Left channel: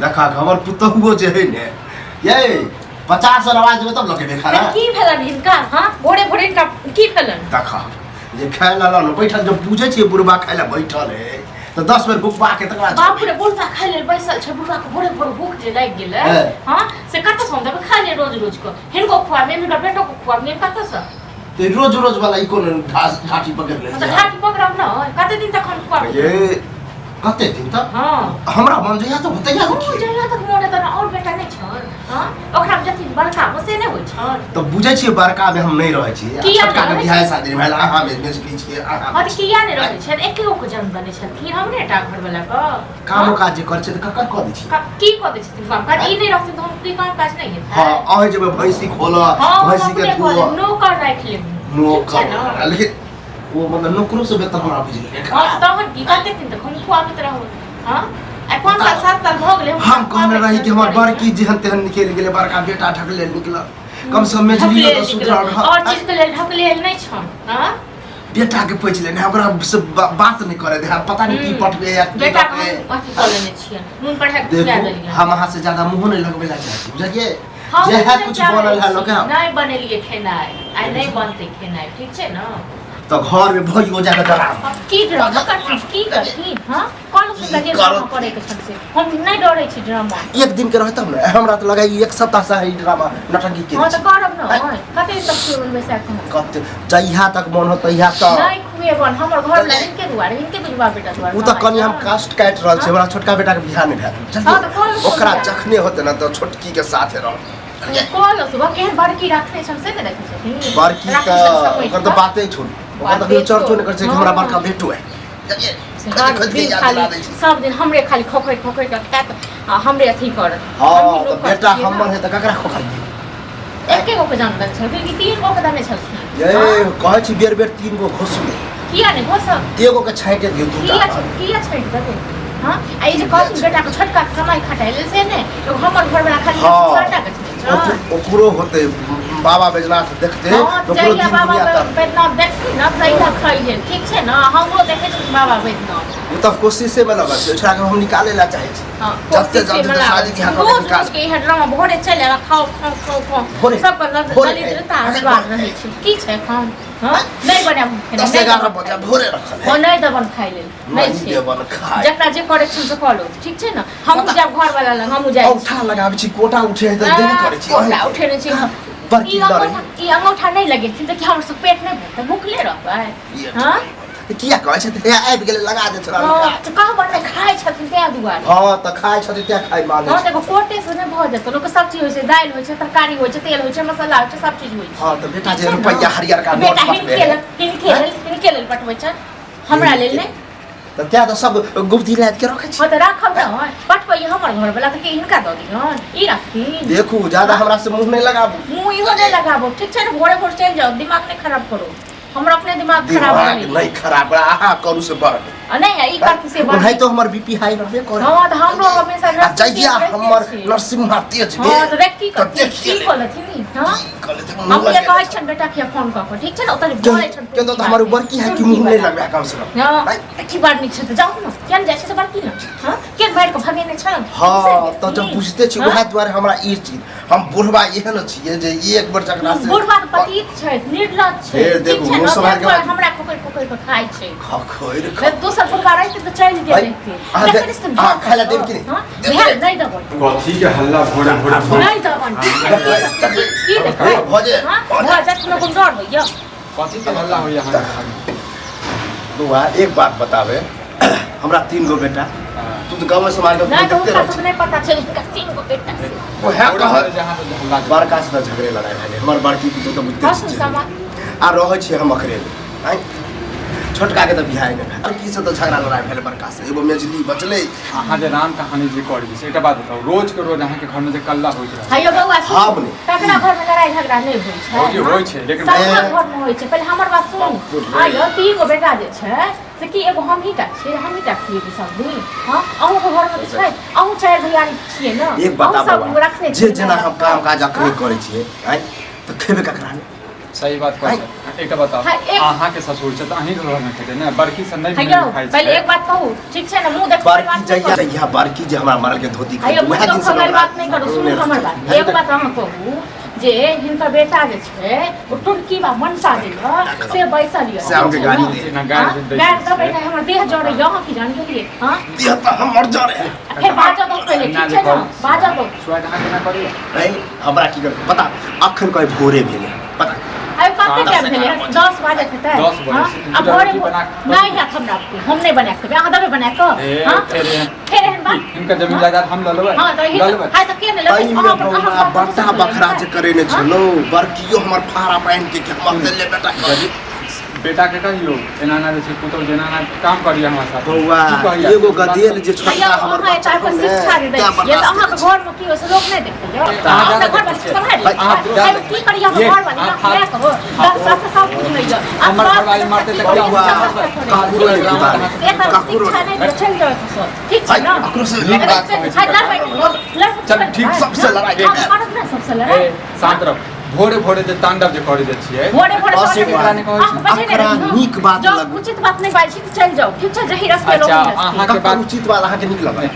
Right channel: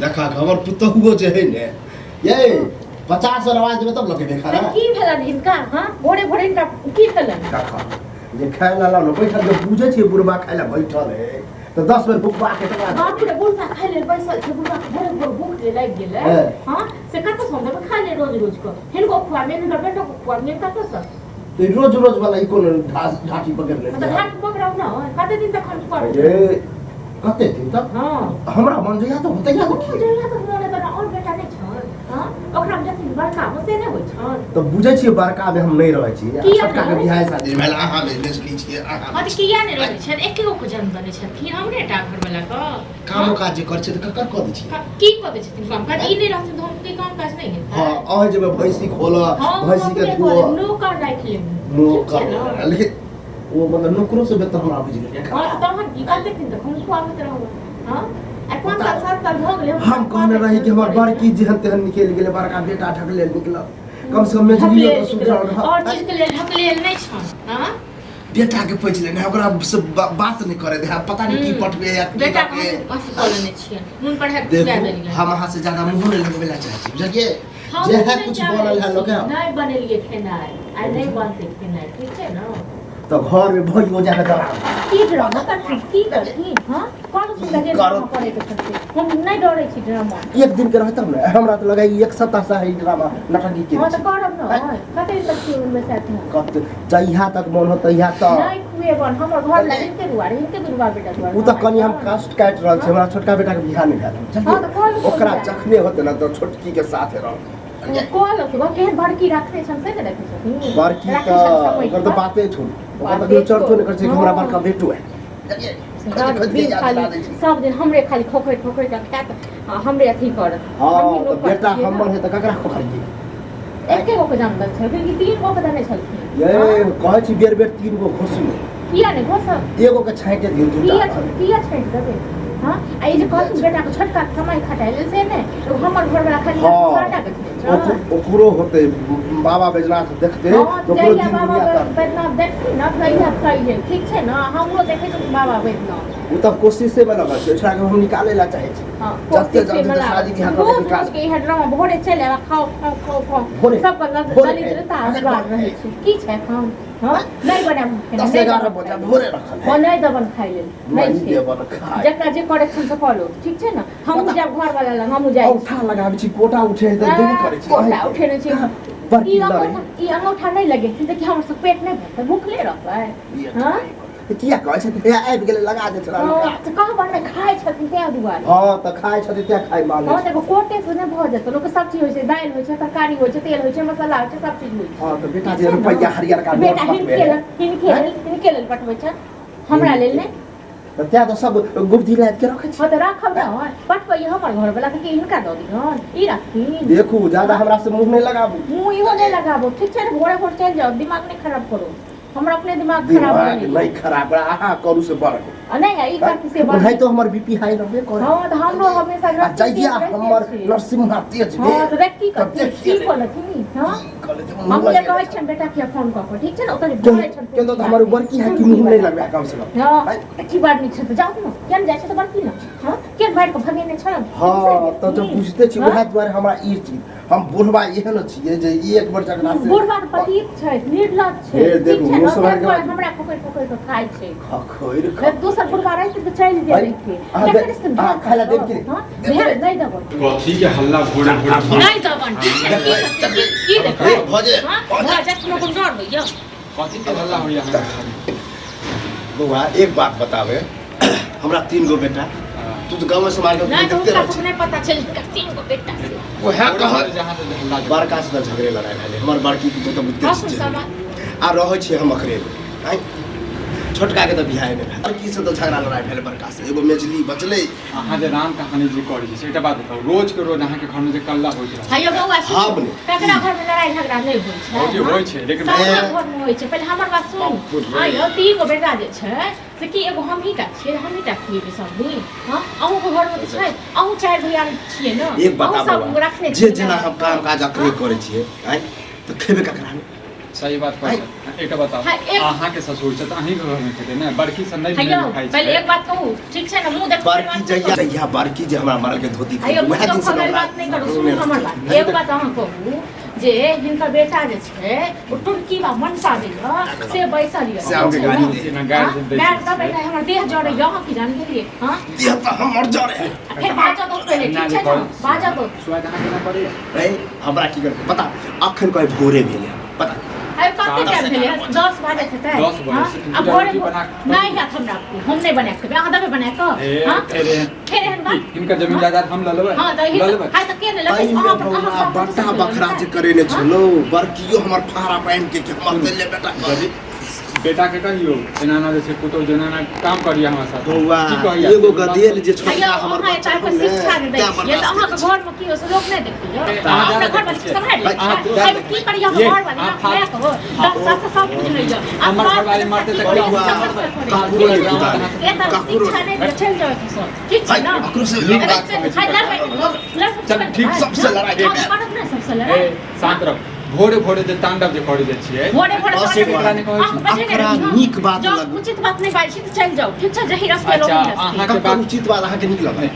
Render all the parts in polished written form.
देखा हमर पुतहुओ जे है ने ये 50 और आवाज में तब लोग देखा ना की भेलन इनका हां भोरे भोरे इनका की भेलन देखा जे खाय ला न बैठल जो पूछे छी बुढ़बा खाय ला बैठल है तो 10 बेर भूख के तक बाप रे बुढ़बा खाय ले बैसल छै बुढ़बा के भोरे भोरे भूख जे लाग गेलै हां से कत सम देबे खा ले रोज रोज को हिनको खुआ में हिनकर बेटो को खुआ में कत से तो रोज रोज वाला ई कोन घाटी पकड़ ले तो घाटी पकड़ब न कते दिन तक खुआ ये कते दिन तक हां हमरा मन जइया तो होतैया तो जइया तक मोरे त और बेटा नै छ हां ओकरा जति बड़का मसे नै होय छ तो बुझै छी बड़का में हम नै रहै छी छोटका के बियाह शादी में आहा में नेसली छी आहा अत किया नै रहै छ एके गो को जन्म दने छथिन हमरे टा घर वाला का काम काज जे कर छै त ककर क दै छी की क दै छथिन काम काज ई नै रहथिन त हम की काम काज नै हेतै हां अहे जब भैंसी खोला भैंसी के दुआ नौकर राख ले नौकर लेकिन वो मतलब नौकरों से बेहतर हमरा बुझले हां त हम की करते दिन तक हम खुआबत रहू हां आ 5 साल 7 साल भ गेलै हम कहने रही कि हमर बड़की जेहन तेहन निकल गेलै बड़का बेटा ढकले निकल कम से कम मेजली तो सुधर और चीज के लेल ढकले नै छ हां बेटा के पैच लेने ओकरा से बात नहीं करे दे पता नहीं की पटबे या बेटा के अथी कर लेने छियै नून पर है खिया देलियै हम वहां से ज्यादा मुंह नहीं लगबे ला चाहे छी बुझलिए जे है कुछ बनल है लोग नहीं बनेलिए खेनाई आई नहीं बनते खेनाई ठीक छै ना तो घर में भई हो जाए डरा की ड्रामा करती की करती हां कौन से लगे ड्रामा करे के सबसे हम नहीं डरै छी ड्रामा एक दिन के रहतम ना हमरा तो लगा एक सप्ताह से है ड्रामा नटंकी के हां तो करब ना कते तक शुरू में से कते जइहा तक मन हो तइहा तक नहीं खुए बन हमर घर में इनके दुआरे इनके दुआ बेटा दुआरे उ तो कनी हम कास्ट काट रहल छै हमरा छोटका बेटा के बियाह नहीं भेल हां तो कौन ओकरा जखने होते ना तो छोटकी के साथ रह कौन सुबह के बड़की रखने हमसे ने रखे छथिन बड़की का ओकर तो बातें छोड़ ओकर तो चर्चो नहीं कर छै हमरा बड़का बेटो है खाली सब दिन हमरे खाली खोखै खोखै के खात हमरे अथी कर हां तो बेटा हमर है त ककरा खोखै दी एके गो के जानल छै फिर की 3 गो के दाने छलखिन ये कहै छी बेर बेर 3 गो घोसु किया ने घोस एगो के छाइटे दियो किया छाइट देबे हां आ ई जे कहथिन बेटा के छोटका कमाई खटाइले से ने तो हमर घर वाला खाली छोटा के ओकरो होते बाबा बैजनाथ देखते ओकरो दिन दुनिया तक बैजनाथ देखती ना तैया खाइले ठीक छै ना हमरो देखे छी बाबा बैजनाथ उ त कोशिशे में लगा छै एकरा के हम निकाले ला चाहे छी जते जल्दी शादी के हाथ में निकाल के इहे ड्रामा भोरे चले खाओ खाओ खाओ खाओ सब पर दलिद्रता आशीर्वाद रहे छै की छै खाओ हां नहीं बने खेना 11 बजे भोरे रखल है नहीं दबन खाइ लेल नहीं छै देबन खाइ जकरा जे करे छै से करो ठीक छै ना हम जब घर वाला लग हम जाय औठा लगाबै छी कोटा उठे त देबे करे छी कोटा उठे नै छी बड़की ई अंगूठा नहीं लगे थी त कि हमर सब पेट नहीं भरत भूखले रहबै हां किया कहै छै ते आबि गेले लगा दे छोरा हां त कहाँ बने खाइ छथिन ते दुआरे हां त खाइ छथिन ते खाइ माने हां देखो कोटे से नहीं भ जेत लोक सब चीज होय छै दाल होय छै तरकारी होय छै तेल होय छै मसाला होय छै सब चीज होय छै हां त बेटा जे रुपैया हरियर का नोट हिनके लेल पटबै छै हमरा लेल नहीं त त्या त सब गुप्ती लाद के रखे छी हां त राखब ना पटबै हमर घर वाला त के हिनका द दियन ई राखी देखू ज्यादा हमरा से मुंह नहीं लगाबू मुंह इहो नहीं लगाबो ठीक छै ना भोरे भोर चल जाओ दिमाग नहीं खराब करो हमरा अपने दिमाग खराब नहीं खराब आहा करू से बढ़ नहीं ई करती से बढ़ नहीं तो हमर बीपी हाई रहबे करे हां त हमरो हमेशा जइया हमर नरसिम्हा तेज हां त देख की करती की बोलथि हां हम ये कहै छन बेटा के फोन क के ठीक छै ना ओतने बोलै छन के तो हमर बड़की है कि मुंह नहीं लगबे कम से कम हां की बात नहीं छै त जाऊ ना केन जाय छै त बड़की ना हां के बैठ के भगे नहीं छै हां तो जब बुझते छी वह द्वारे हमरा ई चीज हम बुढ़वा एहन छियै जे एक बार जकरा से बुढ़वा त पतित छै निर्लज छै देखू हमरा खोकै खोकै के खाइ छै खखोर दोसर बुढ़वा रहते त चल गेलै हां खाला देब कि नहीं नहीं दबन कथी के हल्ला भोरे भोरे नहीं दबन की देखै भजे भजे तुम लोग डर होइया कथी के हल्ला होइया यहाँ बुआ एक बात बतावे हमरा 3 गो बेटा तू तो गांव में समाज के देखते रह नहीं पता चल का 3 गो बेटा से वो है कह जहां से हल्ला बड़का से झगड़े लड़ाई भेले हमर बड़की तो बुझते छी आ रहै छी हम अखरे में आई छोटका के तो बियाह में बड़की से तो झगड़ा लड़ाई भेले बड़का से एगो मेजली बचले अहाँ जे राम कहानी जे करै छी एकटा बात बताउ रोज के रोज अहाँ के घर में जे कल्ला होइत रहै हायो बउआ हां बने तकरा घर में लड़ाई झगड़ा नहीं होई छै होय छै लेकिन घर में होई छै पहले हमर बात सुन आयो 3 गो बेटा जे छै से कि एगो हम ही टा छियै हम ही टा खिएबे सब दिन हां अहू के घर में छै अहू 4 भैयारी छियै ना एक बता बाबा जे जेना हम काम काज अखरे करै छियै आई तो खेबे ककरा सही बात कहै एकटा बताओ हाँ, एक- अहाँ के ससुर छै त अहीं के घर में खेते ने बड़की से नहीं हैयो खाइ पहले छै एक बात कहू ठीक छै ना मुंह देख बड़की जहिया बड़की जे हमरा मारल के धोती हैयो खाइ मुंह वएह दिन देख से हमर बात नहीं करू सुन हमर बात एक बात अहाँ कहू जे हिनकर बेटा जे छै ओ टुरकी बा मनसा जे से बैसल य से हमके गाड़ी दे ना गाड़ी दे गाड़ी दबे नहीं हमर देह जड़े यहाँ की जान गेलिए हां देह त हमर जरे है फिर बाजा दो पहले ठीक छै ना बाजा दो स्वाद अहाँ के ना करी नहीं हमरा की कर पता अखन कहे भोरे भेले पता आइ कते टाइम भेले 10 बजे थे 10 बजे हां से अब रोटी भोरे बना नहीं है हमरा हम नहीं बना के अहाँ दबे बना के हां फिर एहन बात इनका जमीन जायदाद हम ल लेबै हां तो ल लेबै हां तो के ने लेबै अहाँ बड़का बखरा जे करे ने छलो बड़कियो हमर फारा पहन के हम ले बेटा कर बेटा के कहियो एना ना जे पुतो जेना ना काम करिया हमरा साथ बौआ की कहिया? एगो गदेल जे छोटा भैया हमर अहाँ बच्चा एता पर शिक्षा दे ये तो अहाँ के घर में की से लोग नहीं देखियो अहाँ के घर में समझ आइ की करिया घर वाली ना मैं कहो 10 साल से सब कुछ नहीं जाओ हमर घर वाली मारते त बौआ काकुरो काकुरो नहीं दे चल जाओ तो ठीक है ना अकरो से नीक बात कहै छै। चल ठीक सबसे लड़ाई हम करत ना सबसे लड़ाई शांत रह भोरे भोरे जे तांडव जे करे जे छियै भोरे भोरे बस एक एकरा नहीं कहै छै अकरा नीक बात जब लग उचित बात नहीं बाजी तो चल जाओ ठीक है जही रास्ते लोग अच्छा अहाँ के कक्का बात उचित बात अहाँ के नीक लगै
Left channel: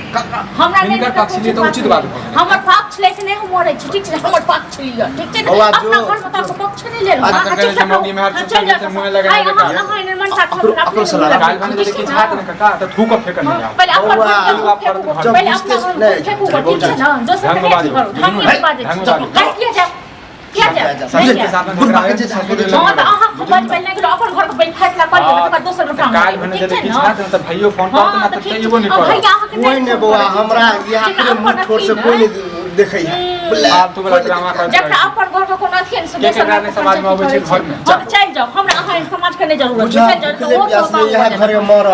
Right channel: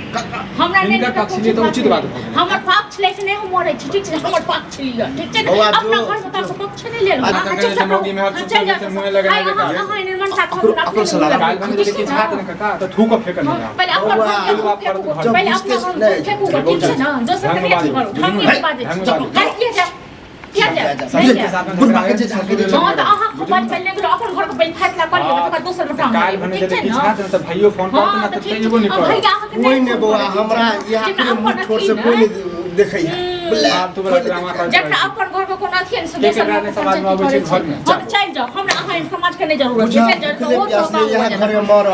हमरा नहीं हिनकर पक्ष लिए तो उचित बात भऽ गेल। हमर पक्ष ले से नहीं हम मरै छी ठीक छै हमर पक्ष लियो ठीक छै बौआ अपना जो- घर में तो पक्ष नहीं ले लो आज तक के जमोगी में हाथ चल जाते मुंह लगाए लगा हां निर्माण साथ अकरो से लड़ा। गाल बने जे किछ हाथ न काका त थूक फेंक नहीं आ पहले अपन बौआ, पहले अपना घर फेंकू ठीक है ना दोसर के नहीं करो हम नहीं बाजे कर किया जा किया जा समझे नहीं के साथ जा। में बुढ़वा के जे झाके दे हाँ तो अहाँ खूब बाज पहले के अपन घर के पहले फैसला कर लेबै तकर दोसर में काल भने जे किछ हाथ न त भइयो फोन करत ना त एगो नहीं कर भैया अहाँ के कोई ने बौआ हमरा यहाँ के मुंह ठोर से कोई नहीं देखै है आप तो बड़ा ड्रामा कर जब अपन घर में कोनो अथी से के दोसर केकरा ने समाज में अबै छै घर में हम चल जाओ हमरा अहाँ समाज के नहीं जरूरत बुझा है प्यास में यहाँ घरे मर